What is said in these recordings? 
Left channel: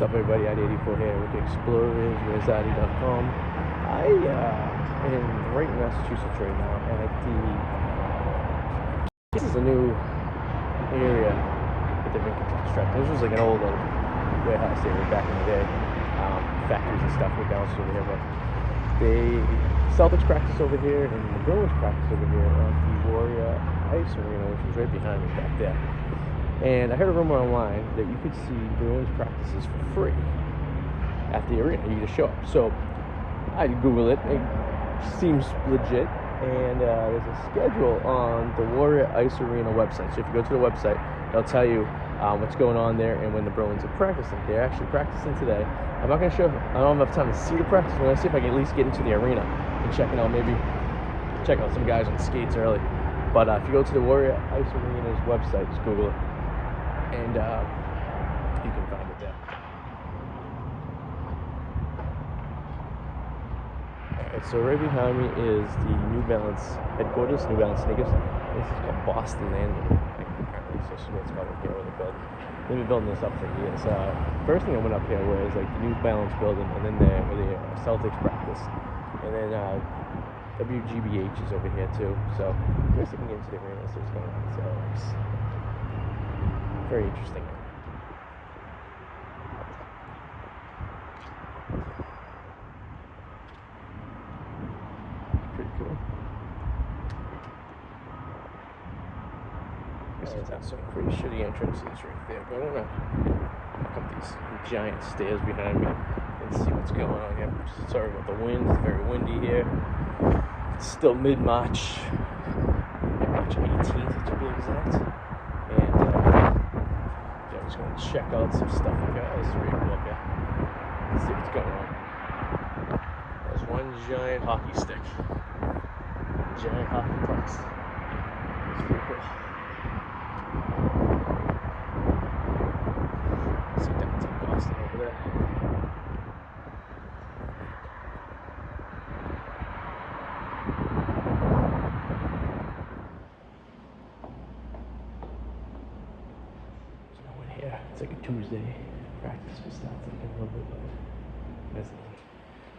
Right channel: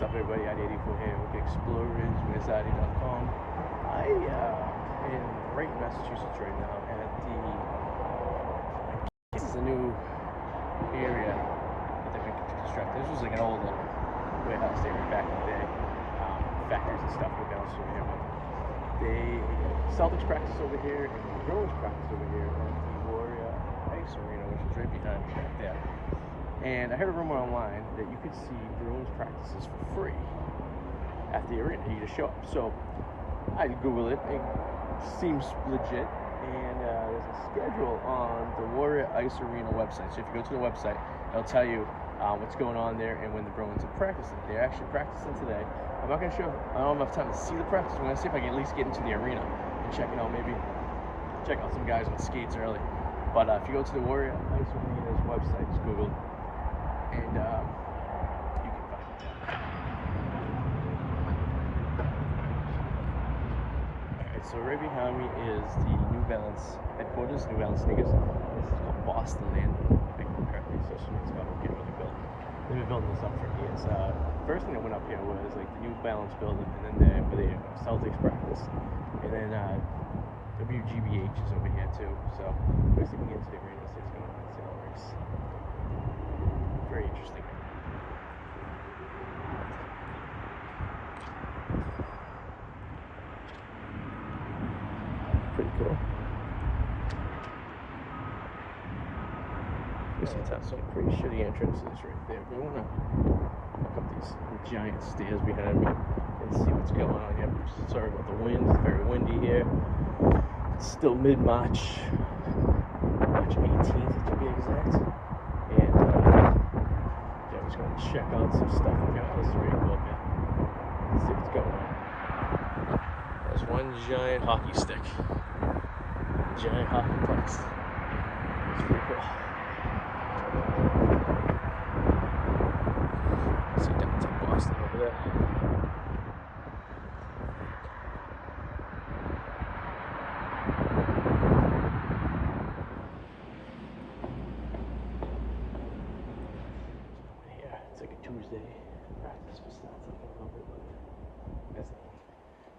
What's up, everybody? ID84 here with explorers.com. I am right in Massachusetts right now at this is a new area that they've been constructing. This was like an old warehouse area back in the day. Factories and stuff were bounced over here, but the Celtics practice over here and the Bruins practice over here at the Warrior Ice Arena, which is right behind me back there. And I heard a rumor online that you could see Bruins practices for free at the arena. You just show up. So I Googled it. It seems legit. And there's a schedule on the Warrior Ice Arena website. So if you go to the website, they'll tell you what's going on there and when the Bruins are practicing. They're actually practicing today. I'm not going to show. I don't have enough time to see the practice. I'm going to see if I can at least get into the arena and check it out. Maybe check out some guys on the skates early. But if you go to the Warrior Ice Arena's website, just Google it. And you can find it there. Alright, so right behind me is the New Balance headquarters, New Balance sneakers. This is called Boston Landing, apparently. So this is what it's called up here where they build. They've been building this up for years. First thing I went up here was like the New Balance building, and then where the Celtics practice. And then WGBH is over here too. So first you can get into the arena and see what's going on, see how it works. Very interesting. Pretty cool. This is so I'm pretty sure the entrance is right there. But I want to look up these giant stairs behind me and see what's going on here. Sorry about the wind. It's very windy here. It's still mid-March. March 18th to be exact. And just going to check out some stuff. Okay, that was pretty cool up here. Let's see what's going on. There's one giant hockey stick. Giant hockey pucks. It's pretty cool. Let's see downtown Boston over there. It's like a Tuesday. Practice will start like a little bit later.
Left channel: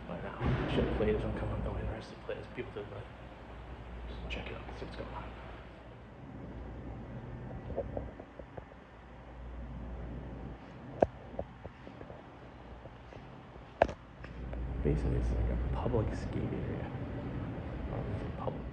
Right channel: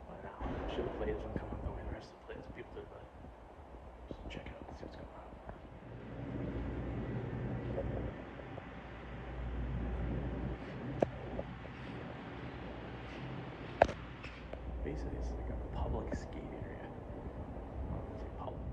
But now, I'm sure the players don't come up the way the rest of the players. People do, but just check it out, see what's going on. Basically, it's like a public skate area. Well, it's like public.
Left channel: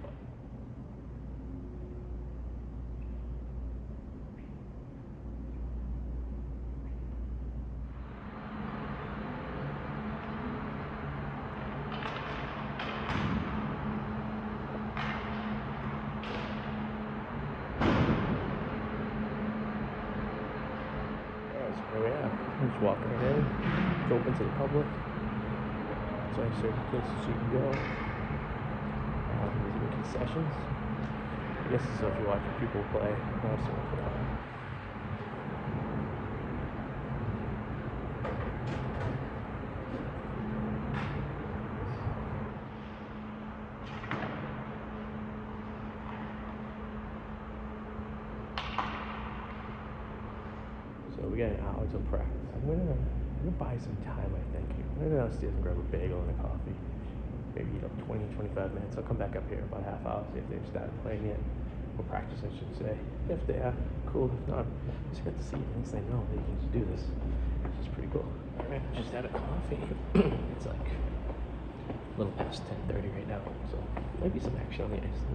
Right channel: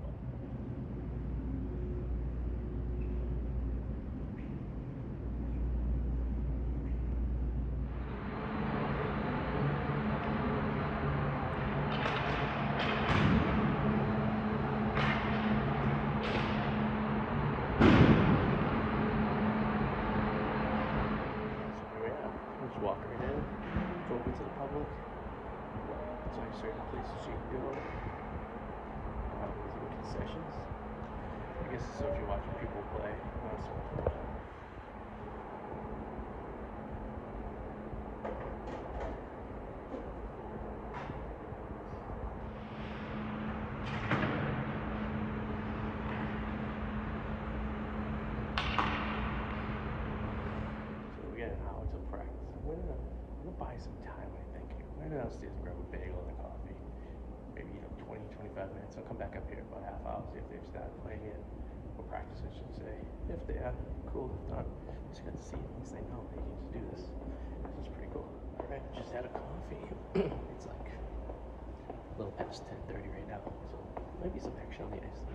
Just walking right in. It's open to the public. It's like certain places you can go. Even concessions. I guess it's so if you're watching people play. So we got an hour till practice. I'm gonna buy some time, I think. I'm gonna go downstairs and grab a bagel and a coffee. Maybe 20, 25 minutes. I'll come back up here about half hour, see if they've started playing yet. Or practice, I should say. If they are, cool. If not, just got to see. At least they know they can just do this. This is pretty cool. Alright, just had a coffee. It's like a little past 10:30 right now. So maybe some action on the ice.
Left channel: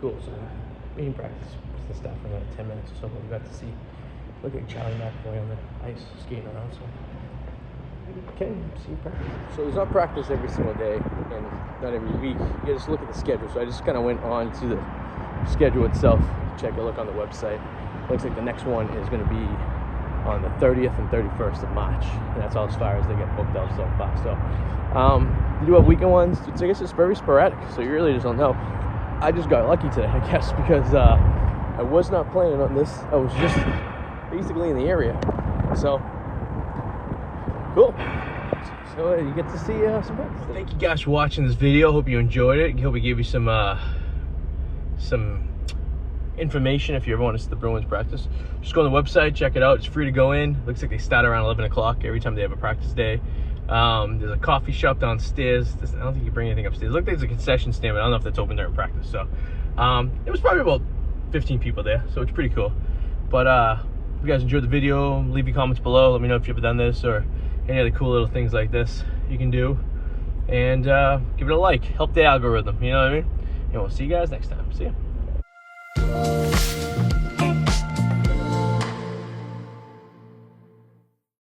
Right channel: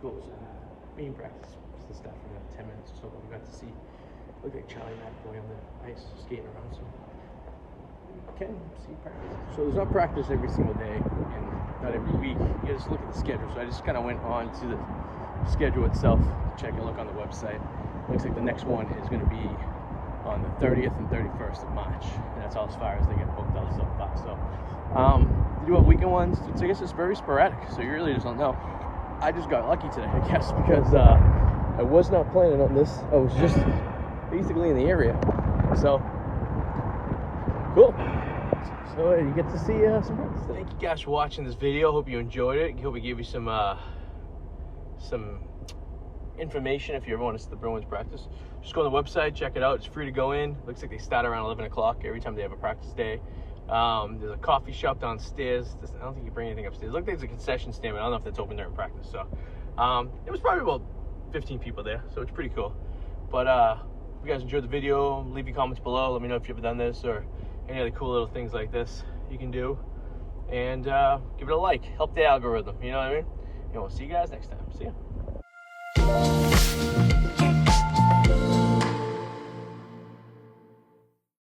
Cool, so main practice was the stuff for about 10 minutes or so, but we got to see, look at Charlie McAvoy on the ice skating around, so okay, see practice. So there's not practice every single day and not every week. You just look at the schedule. So I just kind of went on to the schedule itself, check a look on the website, Looks like the next one is going to be on the 30th and 31st of March. And that's all as far as they get booked out so far. So you do have weekend ones. I guess it's very sporadic, so you really just don't know. I just got lucky today, I guess, because I was not planning on this. I was just basically in the area. So cool. So you get to see some friends. Thank you guys for watching this video. Hope you enjoyed it. Hope we gave you some information if you ever want to see the Bruins practice. Just go on the website, check it out. It's free to go in. Looks like they start around 11 o'clock every time they have a practice day. There's a coffee shop downstairs. I don't think you bring anything upstairs. It looked like there's a concession stand, but I don't know if that's open during practice. So it was probably about 15 people there, so it's pretty cool. But if you guys enjoyed the video, leave your comments below. Let me know if you've ever done this or any other cool little things like this you can do. And give it a like. Help the algorithm, you know what I mean? And we'll see you guys next time. See ya.